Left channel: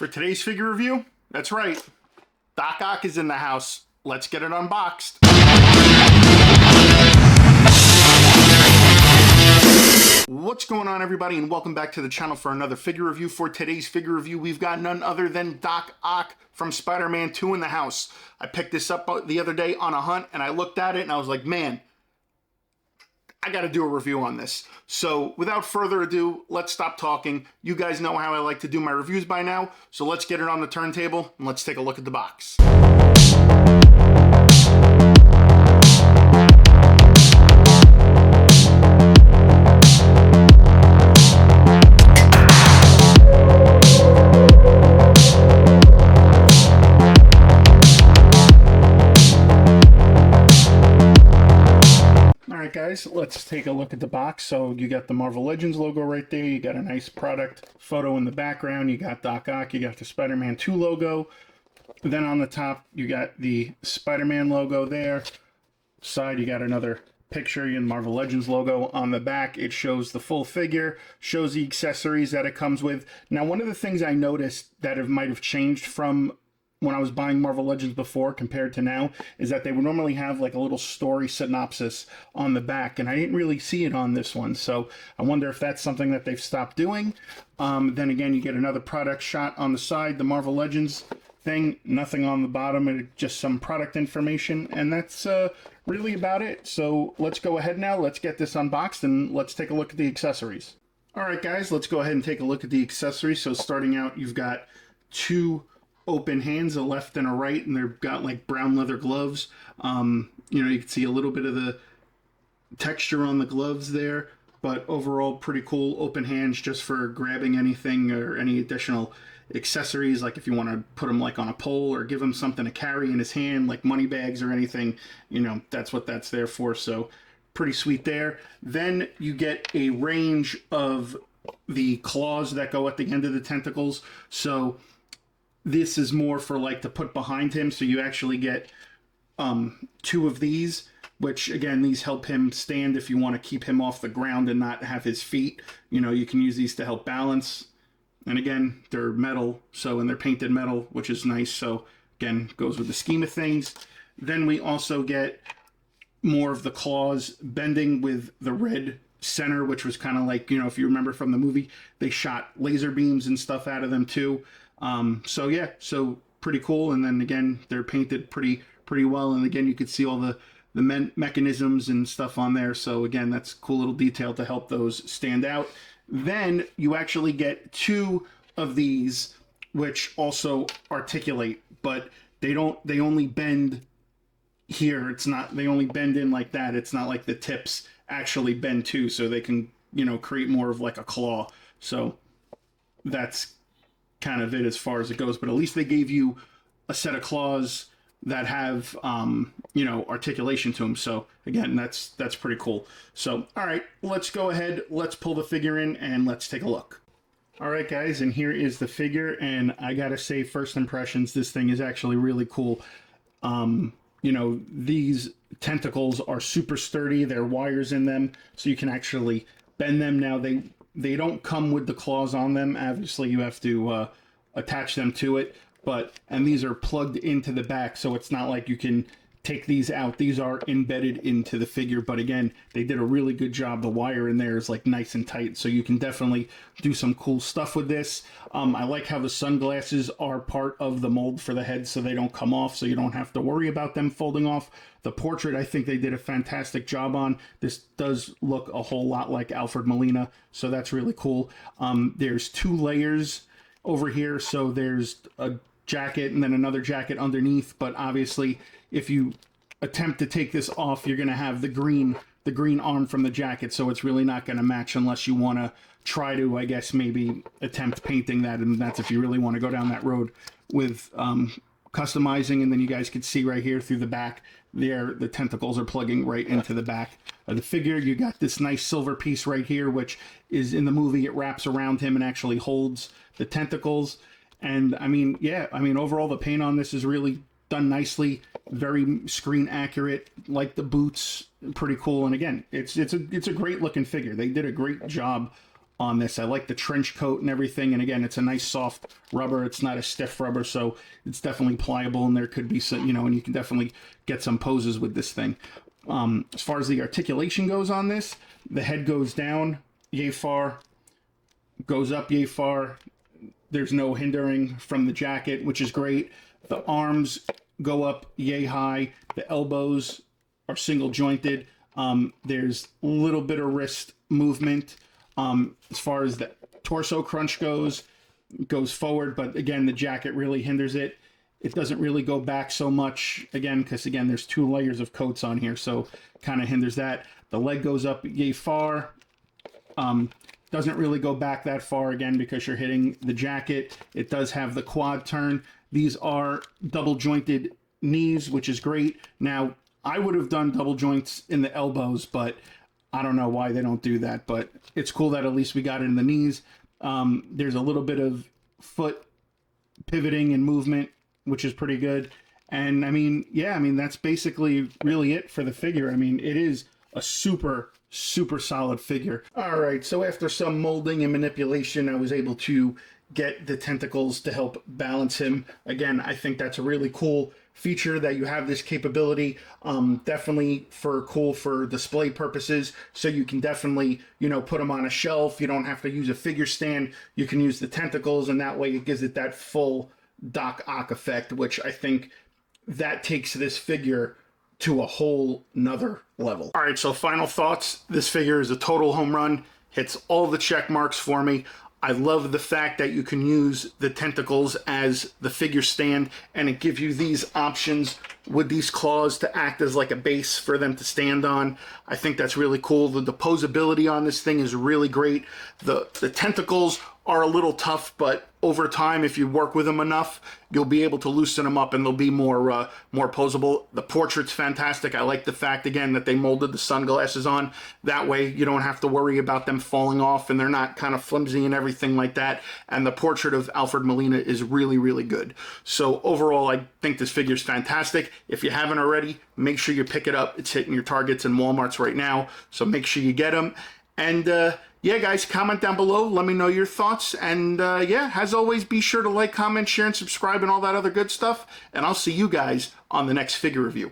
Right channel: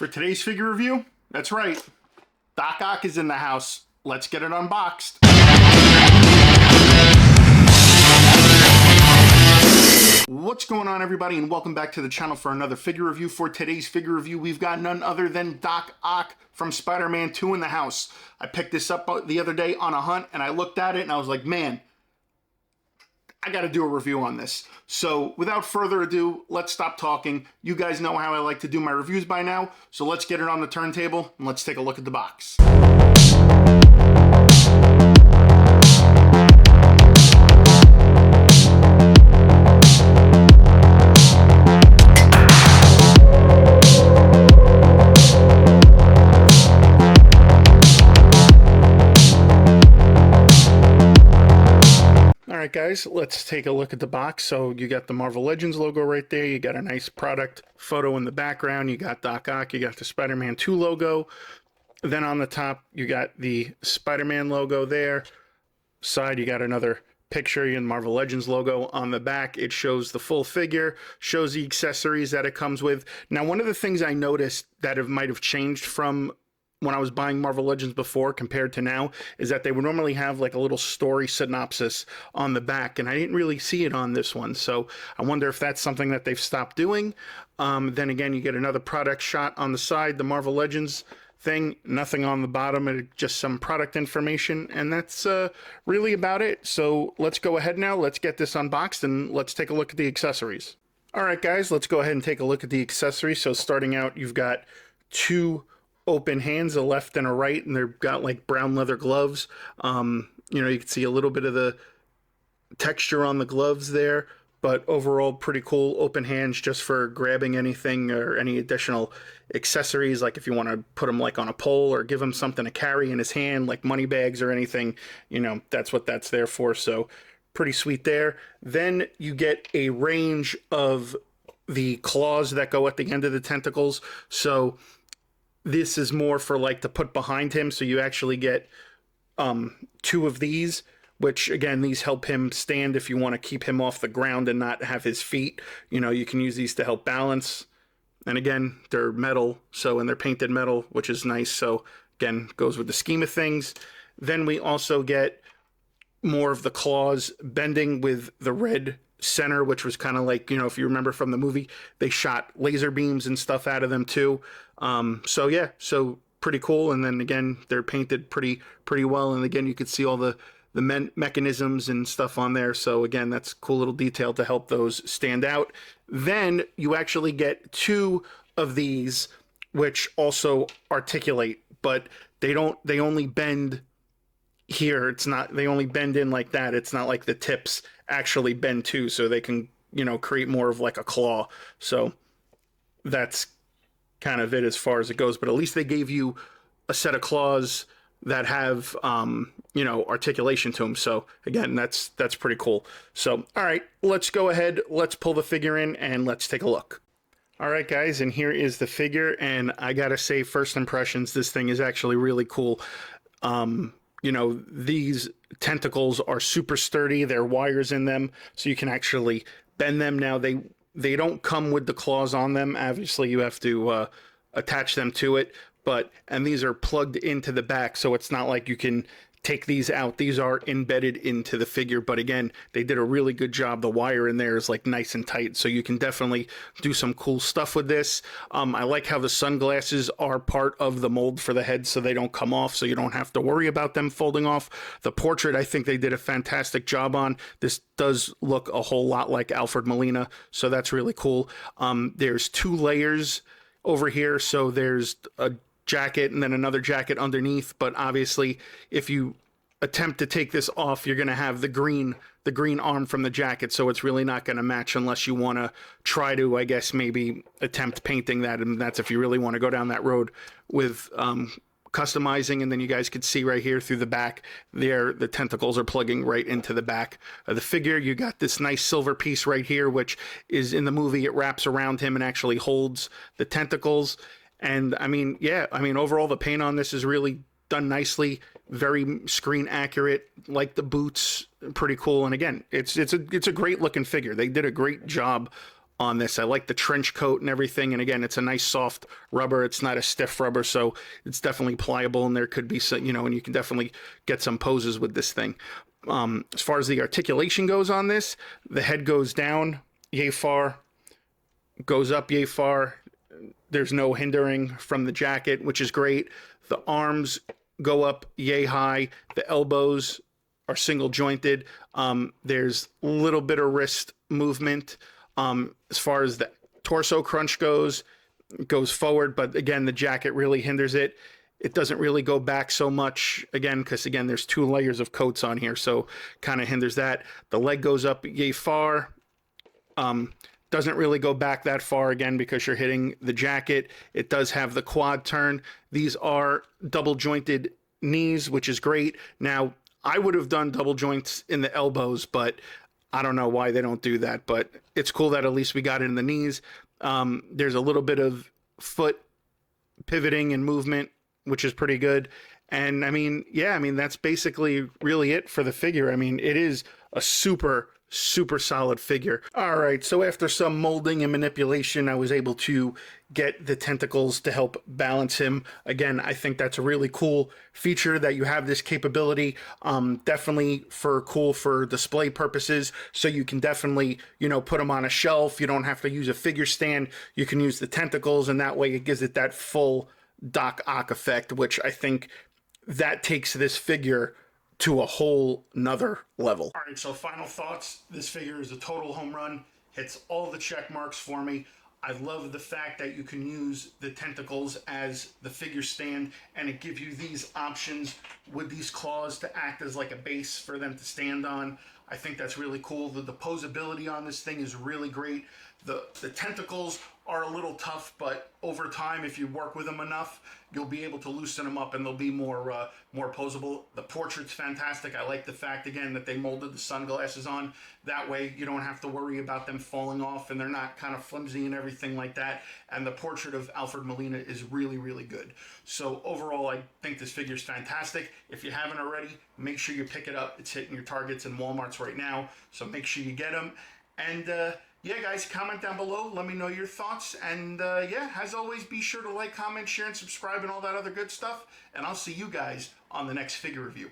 For today's figure review, that's right, Doc Ock is in the house. Let's get it unboxed. What's going on, everybody, and welcome back to the channel for another figure review. For today's figure review, we've got none other than Doc Ock from Spider-Man 2 in the house. I picked this up the other day on a hunt, and I looked at it, and I was like, man, I got to do a review on this. So without further ado, let's stop talking. You guys know how I like to do my reviews by now, so let's get it on the turntable, and let's take a look at the box. Guys, let's take a look at the box. So you got the Marvel Legends logo right there. You got a nice product photo in the background. You got Doc Ock. You got the Spider-Man 2 logo. Then on the top, you got the Spider-Man logo there. Side, you got another picture and Marvel Legends logo. On the back, it shows the full figure, shows the accessories that it comes with. Now, one of the things I noticed that might have changed from when I was buying Marvel Legends before compared to now is that they would normally have like a little story synopsis on the back, and I didn't really see it on this one, so I wonder if that's something that they've stopped doing. Then again, you get another product shot on the side, the Marvel Legends thing, nothing on the bottom, just some product information, and that's really about it. So let's go ahead now, let's get this unboxed, and let's take a look at the accessories. Alright guys, let's go ahead and take a look at the accessories. So starting out, you've got two open hands, a left and a right, and they've got like brown leather gloves. You know, you can see a little bit of the texture on the gloves there, but overall pretty cool open hands just for grabbing anything or any additional accessories, like if you want to put them like on a pole or give him something to carry in his hand, like money bags or anything, you know, that's what that's there for. So pretty sweet there. Then you get a range of the claws that go at the end of the tentacles. So this is more for like to put behind him, so you actually get two of these, which again, these help him stand if you want to keep him off the ground and not have his feet. You know, you can use these to help balance. And again, they're metal, and they're painted metal, which is nice. So again, goes with the scheme of things. Then we also get more of the claws bending with the red center, which was kind of like, you know, if you remember from the movie, they shot laser beams and stuff out of them too. So yeah, so pretty cool. And then again, they're painted pretty well. And again, you could see all the mechanisms and stuff on there. So again, that's a cool little detail to help those stand out. Then you actually get two of these, which also articulate, but they only bend here. It's not, they only bend in like that. It's not like the tips actually bend too, so they can, you know, create more of like a claw. So that's kind of it as far as it goes, but at least they gave you a set of claws that have you know, articulation to them. So again, that's pretty cool. So all right, let's go ahead, let's pull the figure in and let's take a look. All right guys, and here is the figure, and I gotta say, first impressions, this thing is actually really cool. You know, these tentacles are super sturdy. There are wires in them, so you can actually bend them. Now, they don't come with the claws on them. Obviously, you have to attach them to it. And these are plugged into the back, so it's not like you can take these out. These are embedded into the figure, but again, they did a really good job. The wire in there is like nice and tight, so you can definitely do some cool stuff with this. I like how the sunglasses are part of the mold for the head, so they don't come off, so you don't have to worry about them folding off. The portrait, I think they did a fantastic job on. This does look a whole lot like Alfred Molina, so that's really cool. There's two layers over here, so there's a jacket and then another jacket underneath, but obviously if you attempt to take this off, you're going to have the green arm from the jacket, so it's really not going to match unless you want to try to, I guess, maybe attempt painting that, and that's if you really want to go down that road with customizing. And then you guys could see right here through the back there, the tentacles are plugging right into the back of the figure. You got this nice silver piece right here, which is in the movie, it wraps around him and actually holds the tentacles. And I mean, yeah, I mean, overall the paint on this is really done nicely, very screen accurate, like the boots, pretty cool. And again, it's a great looking figure. They did a great job on this. I like the trench coat and everything. And again, it's a nice soft rubber. It's not a stiff rubber, so it's definitely pliable, and there could be some, you know, and you can definitely get some poses with this thing. As far as the articulation goes on this, the head goes down yay far, goes up yay far. There's no hindering from the jacket, which is great. The arms go up yay high. The elbows are single jointed. There's a little bit of wrist movement. As far as the torso crunch goes, it goes forward, but again, the jacket really hinders it. It doesn't really go back so much, again, because again, there's 2 layers of coats on here, so kind of hinders that. The leg goes up yay far. Doesn't really go back that far, again, because you're hitting the jacket. It does have the quad turn. These are double jointed knees, which is great. Now, I would have done double joints in the elbows, but I don't know why they don't do that. But it's cool that at least we got it in the knees. There's a little bit of foot pivoting and movement, which is pretty good. And I mean, yeah, I mean, that's basically really it for the figure. I mean, it is a super solid figure. All right, so after some molding and manipulation, I was able to get the tentacles to help balance him. Again, I think that's a really cool feature that you have this capability. Definitely cool for display purposes. So you can definitely, you know, put them on a shelf. You don't have to use a figure stand. You can use the tentacles, and that way it gives it that full Doc Ock effect, which I think that takes this figure to a whole nother level. All right, so final thoughts. This figure is a total home run. Hits all the check marks for me. I love the fact that you can use the tentacles as the figure stand, and it gives you these options with these claws to act as like a base for them to stand on. I think that's really cool. The posability on this thing is really great. The tentacles are a little tough, but over time, if you work with them enough, you'll be able to loosen them up and they'll be more posable. The portrait's fantastic. I like the fact, again, that they molded the sunglasses on. That way you don't have to worry about them falling off, and they're not kind of flimsy and everything like that. And the portrait of Alfred Molina is really good. So overall, I think this figure is fantastic. If you haven't already, make sure you pick it up. It's hitting your Targets and Walmarts right now, so make sure you get them. And yeah, guys, comment down below. Let me know your thoughts. And yeah, as always, be sure to like, comment, share, and subscribe, and all that other good stuff. And I'll see you guys on the next figure review.